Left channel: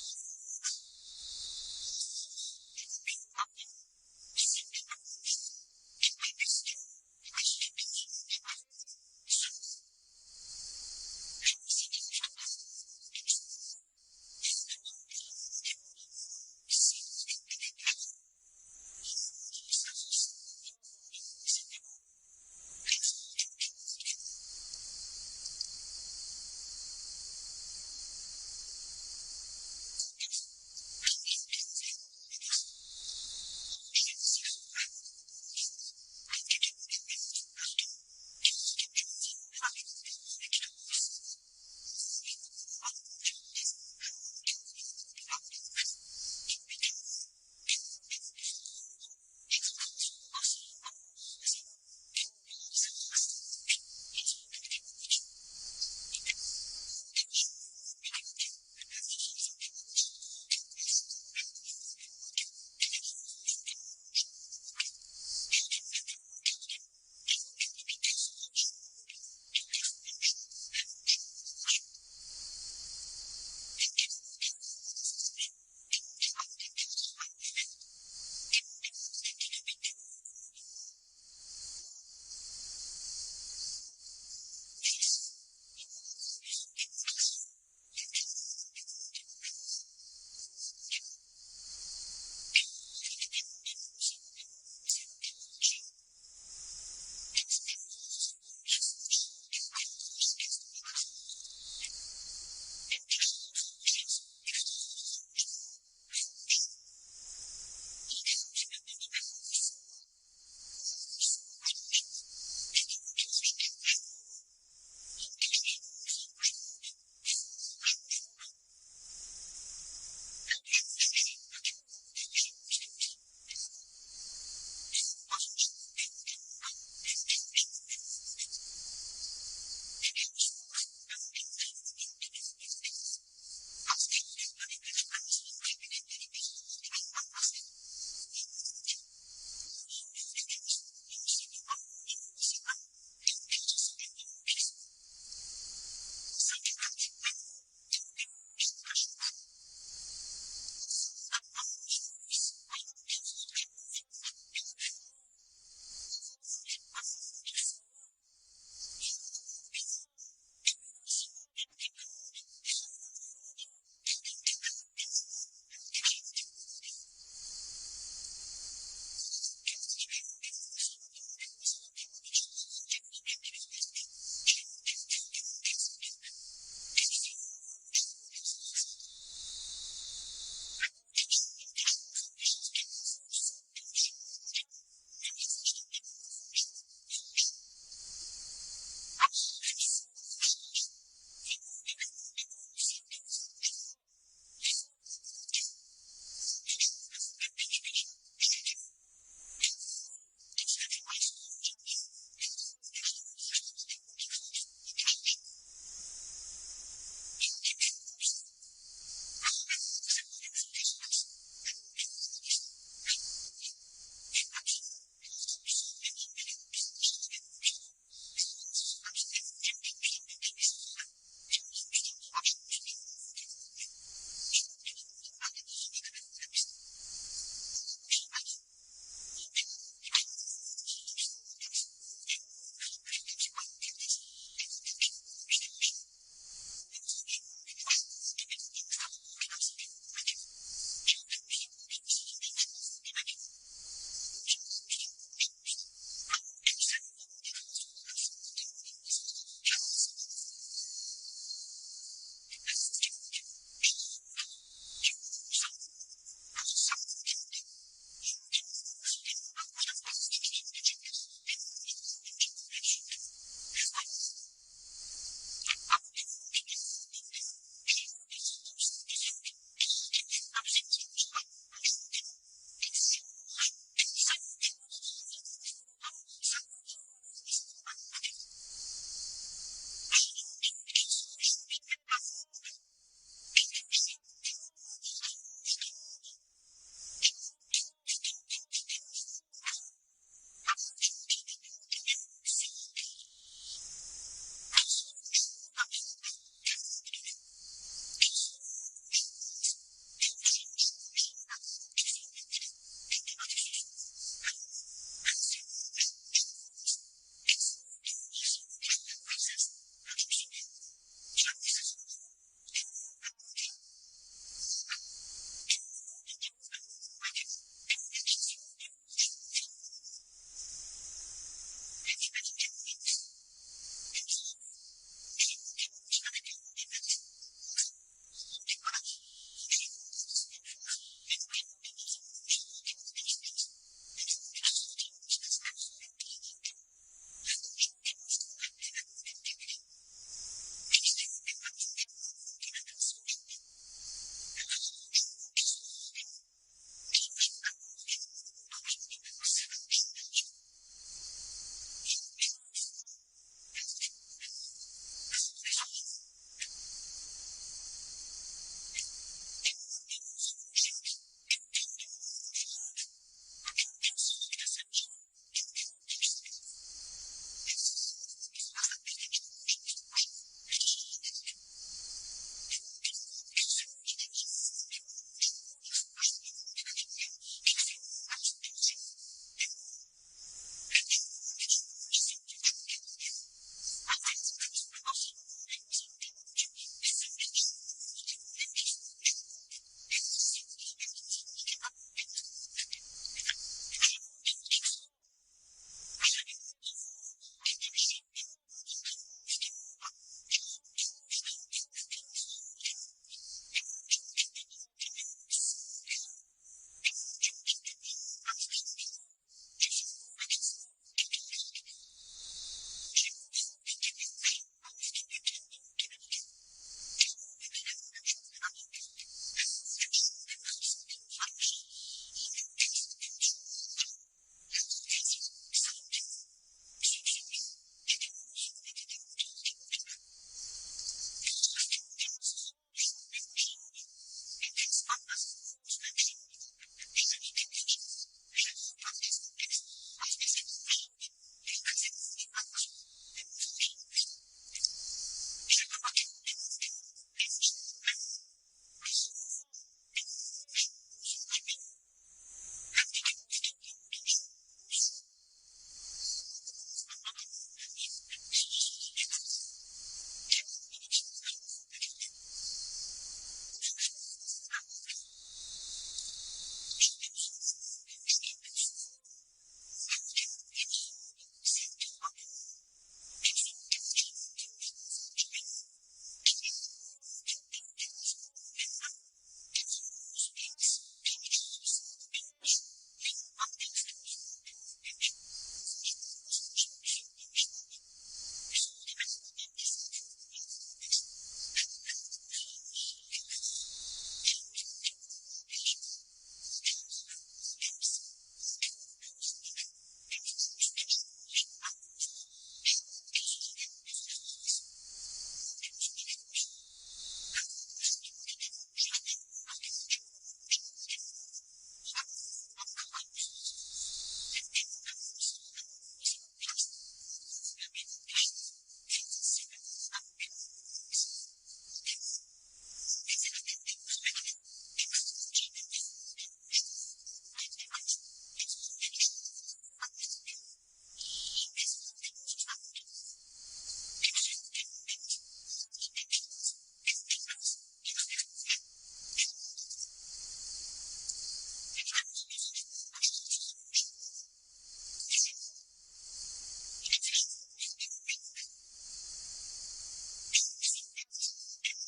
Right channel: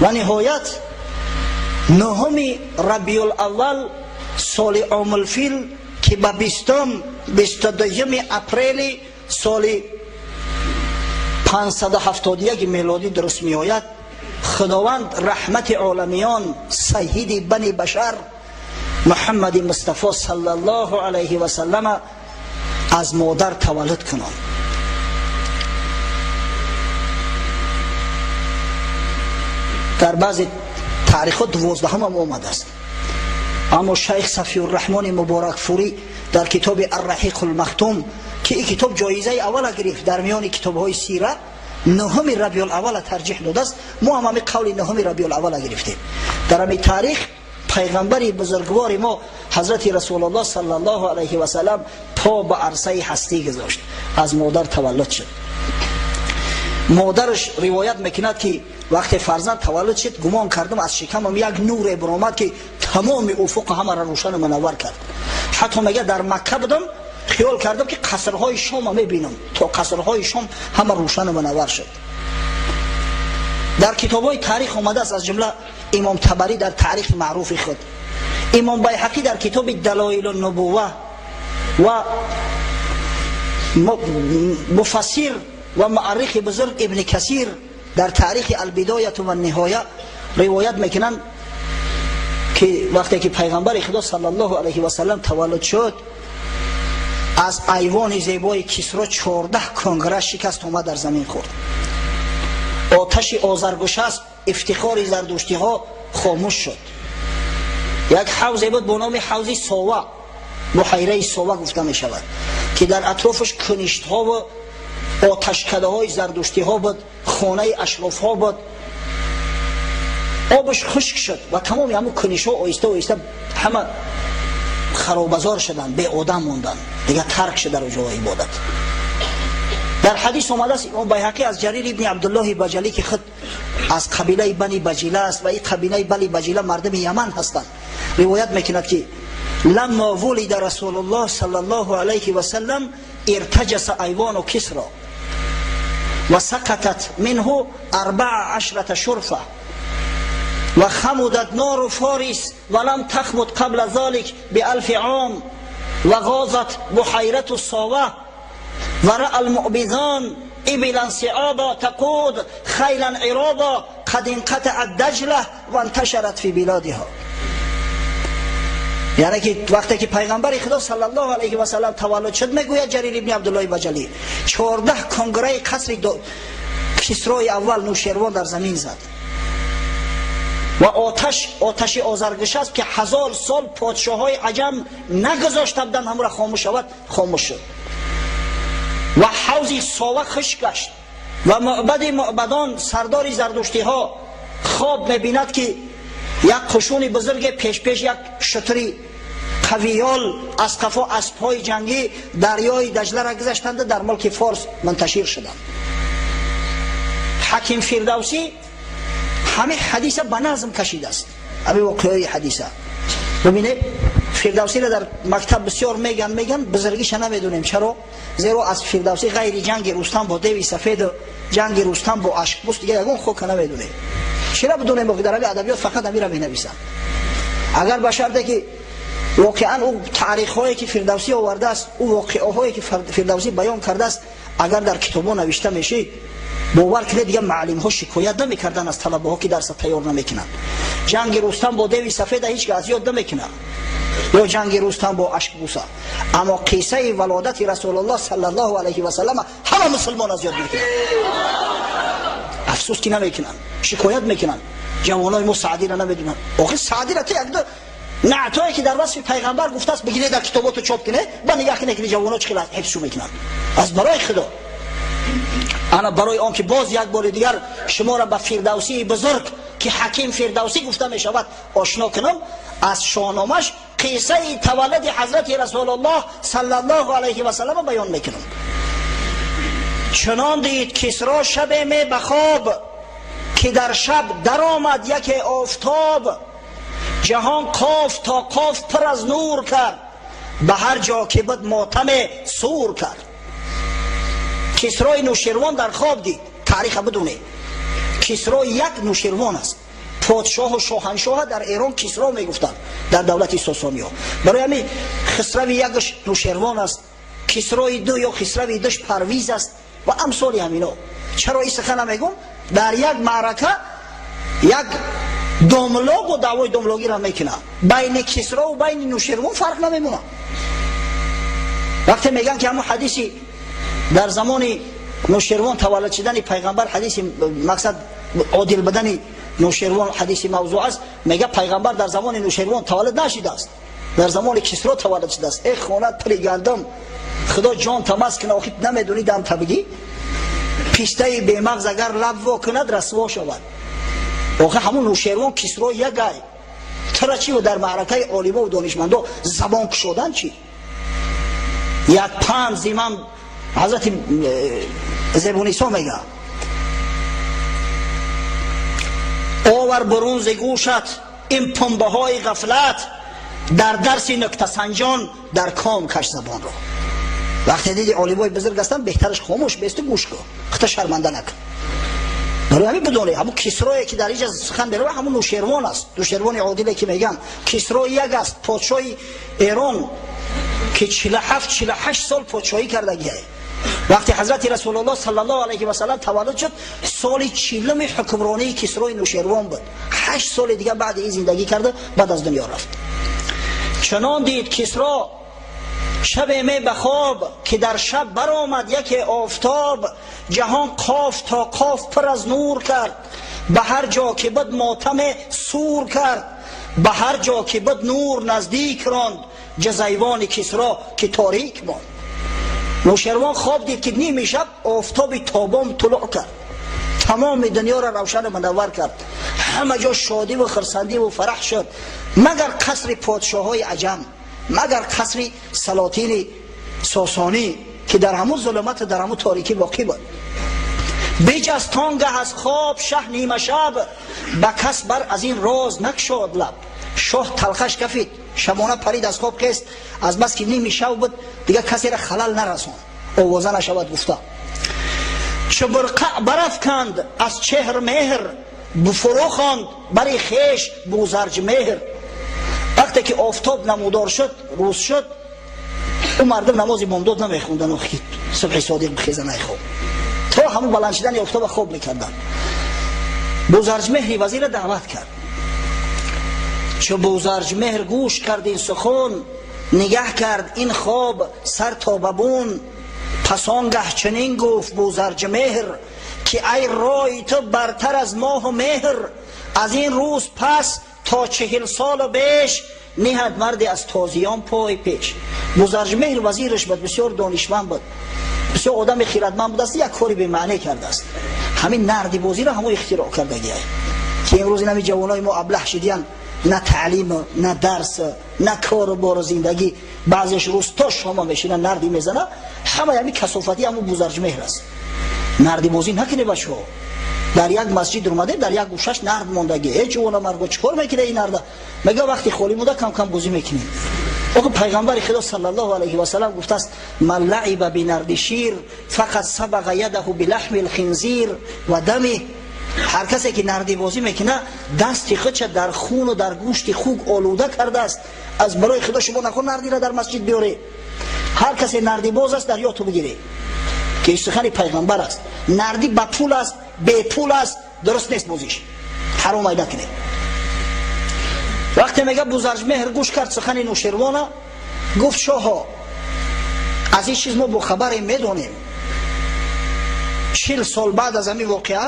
و نهایت نهم ربیع الاول سال عام الفیل که به 22 اپریل سال 571 میلادی درست می آید، خداوند رحمت عالمیان سید بنی بشر محمد مصطفی صلی الله علیه و سلم از مادر تولد کنند. در بعضی تاریخ 12 هم آمده است، اما شیخ صفی الرحمن مبارک فوری در کتاب الرحیق المختوم که این کتاب جایزه اول گرفت در میان کتاب های سیره، نهم ربیع الاول ترجیح داده است. ما هم قول نهم ربیع الاول گرفتیم. در همین تاریخ پیغمبری بزرگوار ما حضرت رسول الله صلی الله علیه و سلم پا به عرصه هستی گذاشت، از مادر تولد شد. مادرش روایت میکند که وقتی فرزند تولد شد گمان کردم از شکمم یک نور برآمد که تمام افق همه را روشن و منور کرد. حتی میگه در مکه بودم خیال کردم که قصرهای شام میبینم، تا قصرهای شام همه روشن و منور شد. در کتاب‌های تاریخ آمده است، از جمله امام طبری در تاریخ معروف خود، امام بیهقی در کتاب دلایل النبوه و مفسر و مؤرخ بزرگ ابن کثیر در تاریخ البدایه و النهایه روایت میکنند که وقتی که پیغمبر خدا صلی الله علیه و سلم تولد شد، از ایوان زیبای کسرا 14 کنگره شکست اومد در زمین خورد. آتش آذرگشسپ افتخار زردشتی ها خاموش شد. یک حوض بود به نام حوض ساوا، بحیره ساوا گفته می شود، که در اطرافش کنشت ها و آتشکده های زردشتی ها بود، خانه اشراف ها بود. آبش خشک شد و تمام همون کنشت ها آیسته آیسته همه خرابزار شدن، به آدم موندن، دیگه ترک شد در جای عبادت. در حدیث آمده است، امام بیهقی از جریر ابن عبدالله بجلی که خود از قبیله بنی بجیله است و این قبیله بنی بجیله مردم یمن هستند، روایت میکند که لما ولد رسول الله صلی الله علیه و سلم ارتجس ایوان کسرا و سقطت منه 14 شرفه و خمدت نار فارس ولم تخمد قبل ذلك ب1000 عام و غازت بحیرة الصاوه و رأى المؤبذان ابلا صعابا تقود خیلا عرابا قد انقطعت دجله و انتشرت فی بلادها. یعنی که وقتی که پیغمبر خدا صلی الله علیه و سلم تولد شد، میگوید جریر ابن عبدالله بجلی 14 کنگره قصر کسرای اول نوشیروان در زمین زد و آتش آذرگشسپ که 1000 سال پادشاه های عجم نگذاشته بودند همون را خاموش شود، خاموش شد و حوض ساوه خشک گشت و معبد معبدان سردار زردشتی ها خواب میبیند که یک قشون بزرگ پیش یک شتری قویال از قفا اسبهای جنگی دریای دجله را گذاشتند، در ملک فارس منتشر شدند. حکیم فردوسی همه حدیثه به نظم کشیده است، همه واقعی حدیثه. ببینید فردوسی را در مکتب بسیار میگن بزرگیش نمیدونیم. چرا؟ زیرا از فردوسی غیر جنگ رستم با دیو سفید و جنگ رستم با اشکبوس دیگه یگون خوک نمیدونه. چرا بدونیم؟ با در ادبیات فقط امیر می نویسن. اگر به شرطی که واقعا او تاریخ هایی که فردوسی آورده است، او واقعه هایی که فردوسی بیان کرده است اگر در کتابا نوشته میشه، باور کنید دیگه معلم ها شکایت نمیکردن از طلبه ها که درس تیار نمیکنن. جنگ رستم با دیو سفید هیچ که از یاد نمیکنه، یا جنگ رستم با اشکبوس، اما قصه ولادت رسول الله صلی الله علیه و سلم همه مسلمان از یاد میکنن. افسوس که نمیکنن، شکایت میکنن. جوانای ما سعدی را نمیدونن. آخه سعدی را که یک دو نعتایی که در وصف پیغمبر گفته است بگیره در کتاباتو چاپ کنه، با نگاه کنه که جوانا چقدر حفظ میکنن. از برای خدا انا برای آن که باز یک بار دیگر شما را به فردوسی بزرگ که حکیم فردوسی گفته می شود آشنا کنم، از شاهنامه‌اش قصه تولد حضرت رسول الله صلی الله علیه و سلم بیان میکنم. چنان دید کسری شب می بخواب که در شب در آمد یک آفتاب، جهان قاف تا قاف پر از نور کرد، به هر جا که بود ماتم سور کرد. کسرای نوشیروان در خواب دید، تاریخ بدونه کسرا یک نوشیروان است. پادشاه و شاهنشاه در ایران کسرا میگفتند در دولت ساسانی ها. برای همین خسروی یکش نوشیروان است، کسرای دو یا خسروی دوش پرویز است و امثال همینا. چرا این سخن میگم؟ در یک معرکه یک داملاق و دعوای داملاقی را میکنه، بین کسرا و بین نوشیروان فرق نمیمونه. وقتی میگن که همون حدیثی در زمان نوشیروان تولد شدن پیغمبر، حدیث مقصد عادل بدن نوشیروان حدیث موضوع است، میگه پیغمبر در زمان نوشیروان تولد نشده است، در زمان کسرا تولد شده است. ای خونت پلی گندم، خدا جان تماس کنه، آخی نمیدونی دم تبگی پیسته بی مغز اگر لب وا کند رسوا شود. آخه همون نوشیروان کسرا یک گای ترا چی و در معرکه عالمه و دانشمندا زبان کشودن چی؟ یک پند زیمم حضرت زبونیسا میگه آور برون ز گوشت این پنبه های غفلت، در درس نکته سنجان در کام کش زبان را. وقتی دیدی عالمای بزرگ هستن بهترش خاموش بیست گوش کن، خطا شرمنده نکن. برای همین بدونه همون کسرایی که در اینجا سخن میره همون نوشیروان است، نوشیروان عادلی که میگم. کسرا یک است، پادشاه ایران که 47-48 سال پادشاهی کردگیه. وقتی حضرت رسول الله صلی الله علیه و سلم تولد شد، سال 40 حکمرانی کسرای نوشیروان بود. 8 سال دیگه بعد این زندگی کرده، بعد از دنیا رفت. چنان دید کسرا شب می بخواب که در شب برآمد یک آفتاب، جهان قاف تا قاف پر از نور کرد، به هر جا که بد ماتم سور کرد، به هر جا که بد نور نزدیک راند، جزیوان کسرا که تاریک ماند. نوشیروان خواب دید که نیم شب آفتاب تابان طلوع کرد، تمام دنیا را روشن و منور کرد، همه جا شادی و خرسندی و فرح شد، مگر قصر پادشاه های عجم، مگر قصر سلاطین ساسانی که در همون ظلمت در همون تاریکی باقی بود. بیج از تانگه از خواب شه نیمه شب، به کس بر از این راز نکشاد لب. شاه تلخش کفید، شبانه پرید از خواب خست، از بس که نیمی شب بود دیگه کسی را خلل نرسون، آوازه نشود گفته. چو برقع برافکند از چهر مهر، بفرو خواند بر خویش بوزرج مهر. وقتی که آفتاب نمودار شد، روز شد، اون مردم نماز بامداد نمیخوندن و صبح صادق بخیزه نخواب، تا همون بلند شدن آفتاب خواب میکردن. بوزرج مهری وزیر دعوت کرد. چو بوزرج مهر گوش کرد این سخن، نگه کرد این خواب سر تا ببون. پس آنگه چنین گفت بوزرج مهر، که ای رای تو برتر از ماه و مهر. از این روز پس تا 40 سال و بیش، نهد مردی از تازیان پای پیش. بوزرج مهر وزیرش بود، بسیار دانشمند بود، بسیار آدم خیرتمند بود است، یک کاری به معنی کرده است. همین نردی بازی را همون اختراع کرده گیه که امروز این جوانای ما ابله شدیان، نه تعلیم، نه درس، نه کار و بار زندگی. بعضیش روز تا شما میشینن نردی میزنه، همه همین کثافتی همون بوزرج مهر است. نردی بازی نکنه بچه ها. در یک مسجد اومده، در یک گوشش نرد موندگی، ای جوان مرد چیکار میکنه این نرد؟ میگه وقتی خالی مونده کم کم بازی میکنیم. آقا پیغمبر خدا صلی الله علیه و سلم گفته است من لعب بنرد شیر فقط سبق یده بلحم الخنزیر و دمی. هر کسی که نردی بازی میکنه دست خودش در خون و در گوشت خوک آلوده کرده است. از برای خدا شما نکن نردی را در مسجد بیاره. هر کسی نردی باز است در یاد تو بگیره که سخن پیغمبر است. نردی با پول است، بی پول است، درست نیست بازیش، حرام ایده کنه. وقتی میگه بوزرج مهر گوش کرد سخن نوشیروان، گفت شاها از این چیز ما با خبر میدونیم. 40 سال بعد از همین واقعه،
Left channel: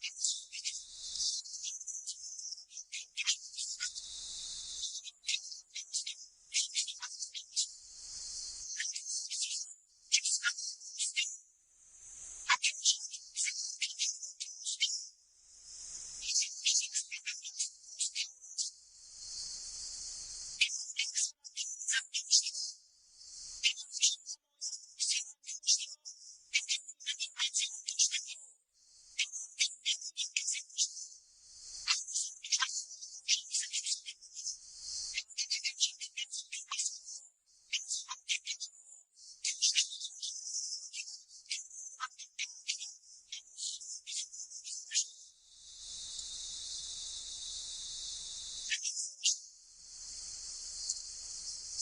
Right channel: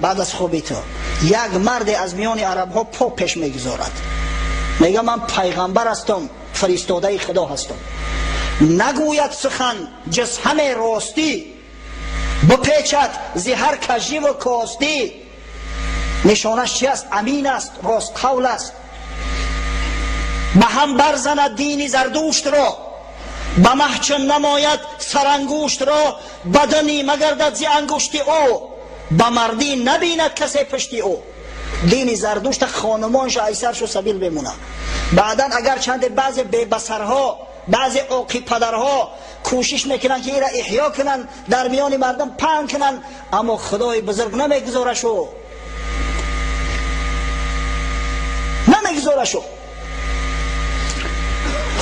بعد از خوابی تو، یک مرد از میان عرب ها پا پیش میگذارد، میگه من پیغمبر هستم، فرستاده خدا هستم. نگوید سخن جز همه راستی، بپیچد زی هر کژی و کاستی. نشانش چی است؟ امین است، راست قول است. به هم برزند دینی زردوشت را، به محچن نماید سرانگوشت را. بدنی مگردد زی انگشتی او، به مردی نبیند کسی پشتی او. دین زردوشت خانمانش ایسرش و سبیل بمونه. بعدا اگر چند بعض ببسرها، بعضی عاقی پدرها کوشش میکنن که این را احیا کنن، در میان مردم پهن کنن، اما خدای بزرگ نمیگذاره شو. بگذاره شو.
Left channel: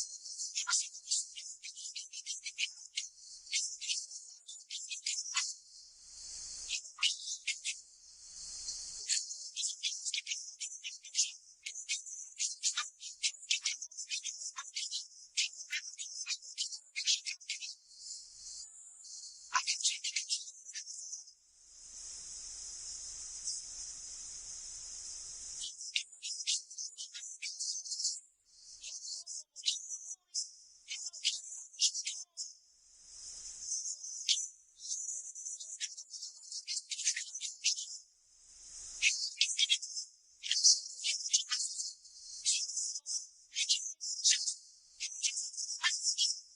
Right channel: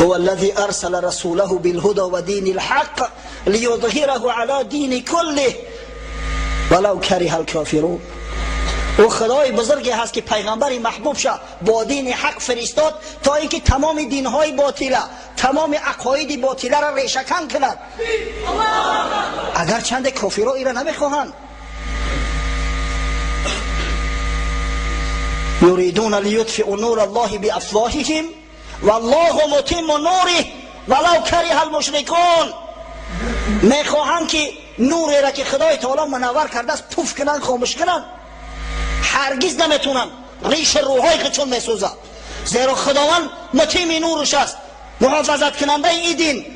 هو الذي ارسل رسوله بالهدى ودين الحق ليظهره على دين كله ولو كره الكافرون. او خدای بزرگی هست که پیغمبر محبوب شه با دین حق فرستاد تا اینکه تمام دینهای باطله، تمام عقاید باطله را ریشه‌کن کند. اگر چند کافرها ایرا نمیخواهند. یریدون لیطفئوا نور الله بافواههم والله متم نوره ولو کره المشرکون. میخواهند که نوری را که خدای تعالی منور کرده است پوف کنن، خاموش کنن. هرگز نمیتونن. ریش روحای خودشون میسوزه، زیرا خداوند متیم نورش است، محافظت کننده این دین،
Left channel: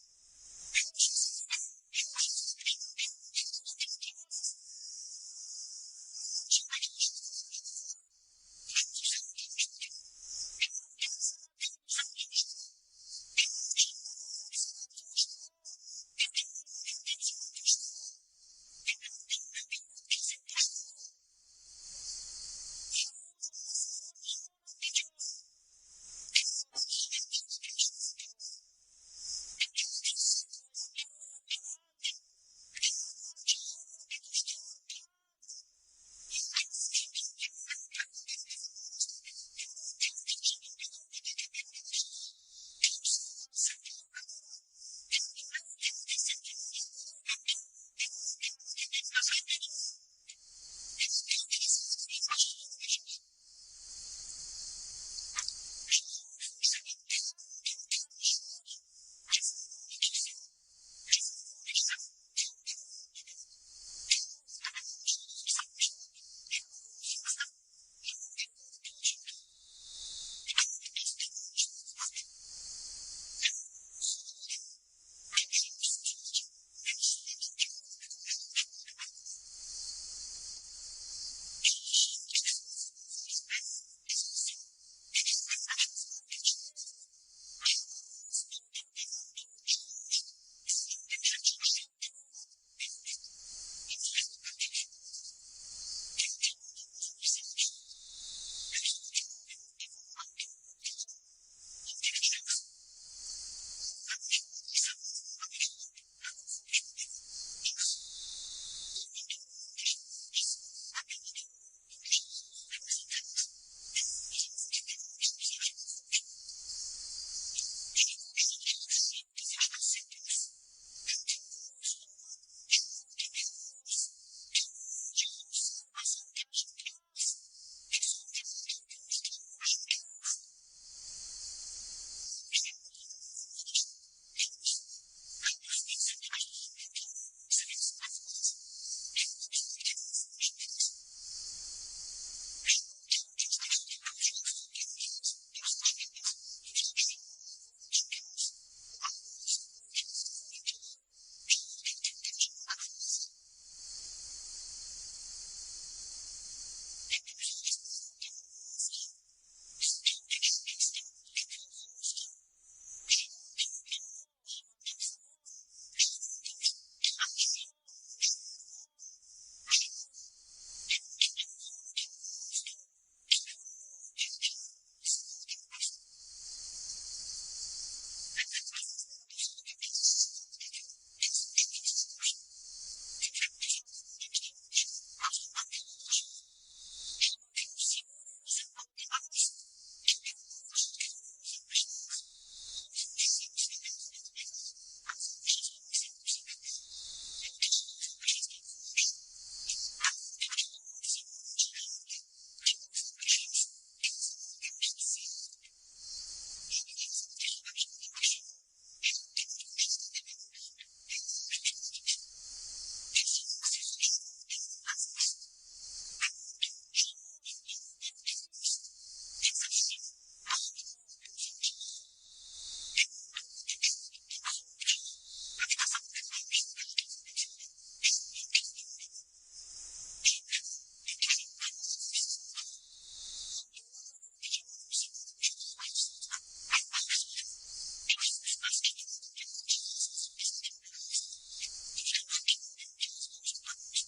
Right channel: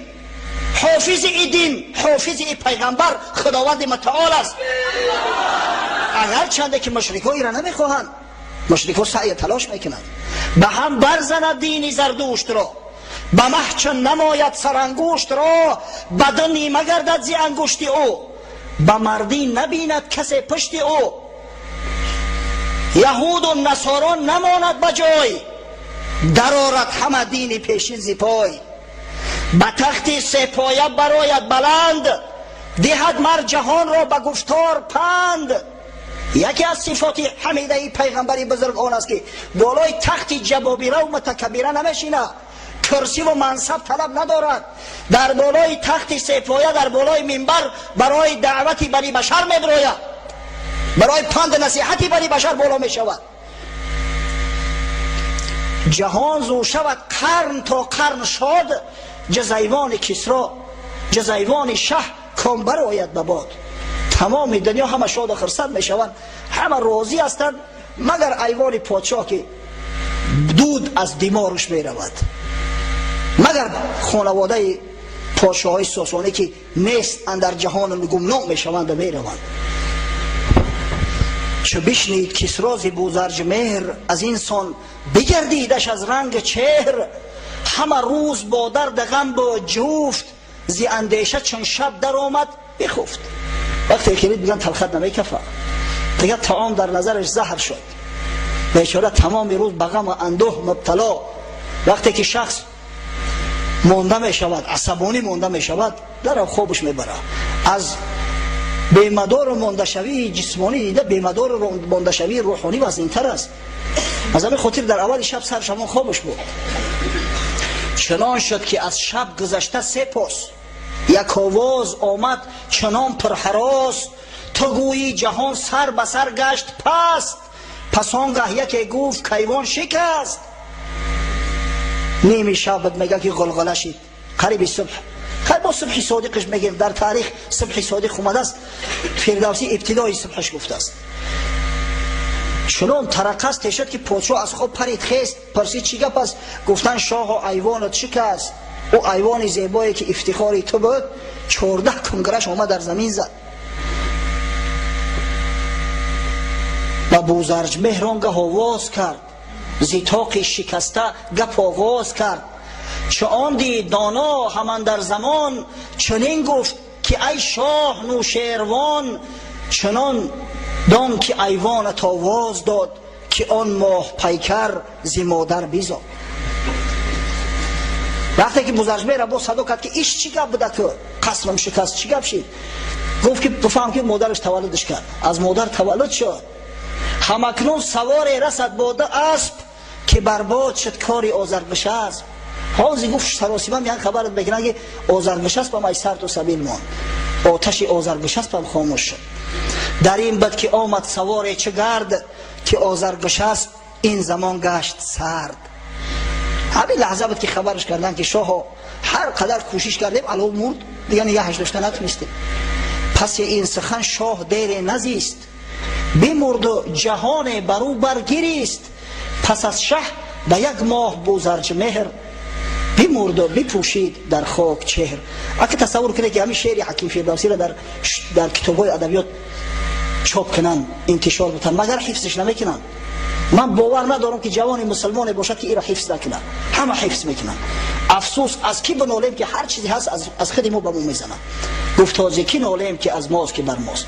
حافظ این دین، حافظ این پیغمبر خداوند متعال است. اگر چنده که مشرکان ایران نمیخواهند، مشرکان سعی تلاش میکنند به هم برزند دین زردوشت را، به محچن نماید سرانگشت را، بدنی مگردد زی انگشت او، به مردی نبیند کسی پشت او. یهود و نصارا نماند بجای، درآرد همه دین پیشین زی پای. به تخت سپایه برآید بلند، دهد مر جهان را به گفتار پند. یکی از صفات حمیده ای پیغمبری بزرگ آن است که بالای تخت جبابیره و متکبره نمیشینه، کرسی و منصب طلب ندارد، در بالای تخت سپایه در بالای منبر برای دعوتی بنی بشر میبراید، برای پند نصیحتی بنی بشر بالا می شود. جهان زو شود قرن تا قرن شاد، جزیوان کسرا جزیوان شه کامبر آید به باد. تمام دنیا همه شاد و خرسند می شوند، همه راضی هستند مگر ایوان پادشاه که دود از دماغش می رود، مگر خانواده پادشاه های ساسانی که نیست اندر جهان گمنام می شوند و می روند. چو بشنید کسری ز بوزرج مهر، از اینسان بگردیدش از رنگ چهر. همه روز با درد غم با جفت، زی اندیشه چون شب در آمد بخفت. وقتی که میگن تلخت نمیکفه، دیگه طعام در نظرش زهر شد، بیچاره تمام روز به غم و اندوه مبتلا. وقتی که شخص مانده می شود، عصبانی مانده می شود، در خوابش میبره. از بیمدار و مانده‌شوی جسمانی دیده بیمدار و مانده‌شوی روحانی وزن‌تر است. از همین خاطر در اول شب سر شما خوابش بود. چنان شد که از شب گذشته 3 پاس، یک آواز آمد چنان پرهراس، تو گویی جهان سر به سر گشت پست. پس آنگه یکی گفت کیوان شکست. نیمی شب میگه که غلغله شد قریب صبح. خیلی با صبح صادقش میگیم، در تاریخ صبح صادق اومده است، فردوسی ابتدای صبحش گفته است. چنان ترقص شد که پادشاه از خواب پرید خیست، پرسید چی گپ است؟ گفتن شاه ایوانت شکست. او ایوان زیبایی که افتخاری تو بود 14 کنگرش آمد در زمین زد. و بوزرج مهران گه آواز کرد، زیتاق شکسته گپ آغاز کرد. چه آن دید دانا همان در زمان، چنین گفت که ای شاه نوشیروان. چنان دان که ایوانت آواز داد، که آن ماه پیکر زی مادر بیزاد. وقتی که بوزرج را با صدا کرد که ایش چی گپ بوده که قسمم شکست، چی گپ شد؟ گفت که بفهم که مادرش تولدش کرد، از مادر تولد شد. همکنون سوار رسد باده اسب، که برباد شد کاری آذربشسب. حاضی گفت سراسیمه میان خبرت بگیرن که آذربشسب هم ای سرد و سبیل ماند، آتش آذربشسب هم خاموش شد. در این بد که آمد سوار چه گرد، که آذربشسب این زمان گشت سرد. همین لحظه بود که خبرش کردن که شاه هر قدر کوشش کردیم علاوه مرد، دیگه نگهش داشته نتونستیم. پس این سخن شاه دیر نزیست، بمرد و جهان برو برگیریست. پس از شه به 1 ماه بوزرج مهر، بمرد و بپوشید در خاک چهر. اگه تصور کنه که همین شعر حکیم فردوسی را در کتاب‌های ادبیات چاپ کنن، انتشار بتن، مگر حفظش نمیکنن. من باور ندارم که جوان مسلمان باشد که ایرا حفظ نکنه، همه حفظ میکنن. افسوس از کی بنالیم که هر چیزی هست از خود ما به ما میزنن. گفت تازه کی نالیم که از ماست که بر ماست.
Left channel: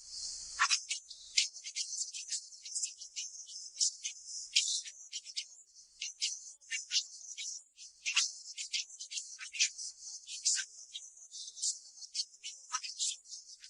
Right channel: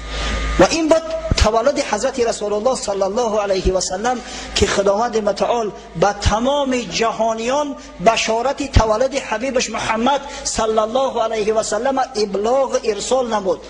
و این بود تولد حضرت رسول الله صلی الله علیه و سلم که خداوند متعال به تمام جهانیان بشارت تولد حبیبش محمد صلی الله علیه و سلم ابلاغ ارسال نمود.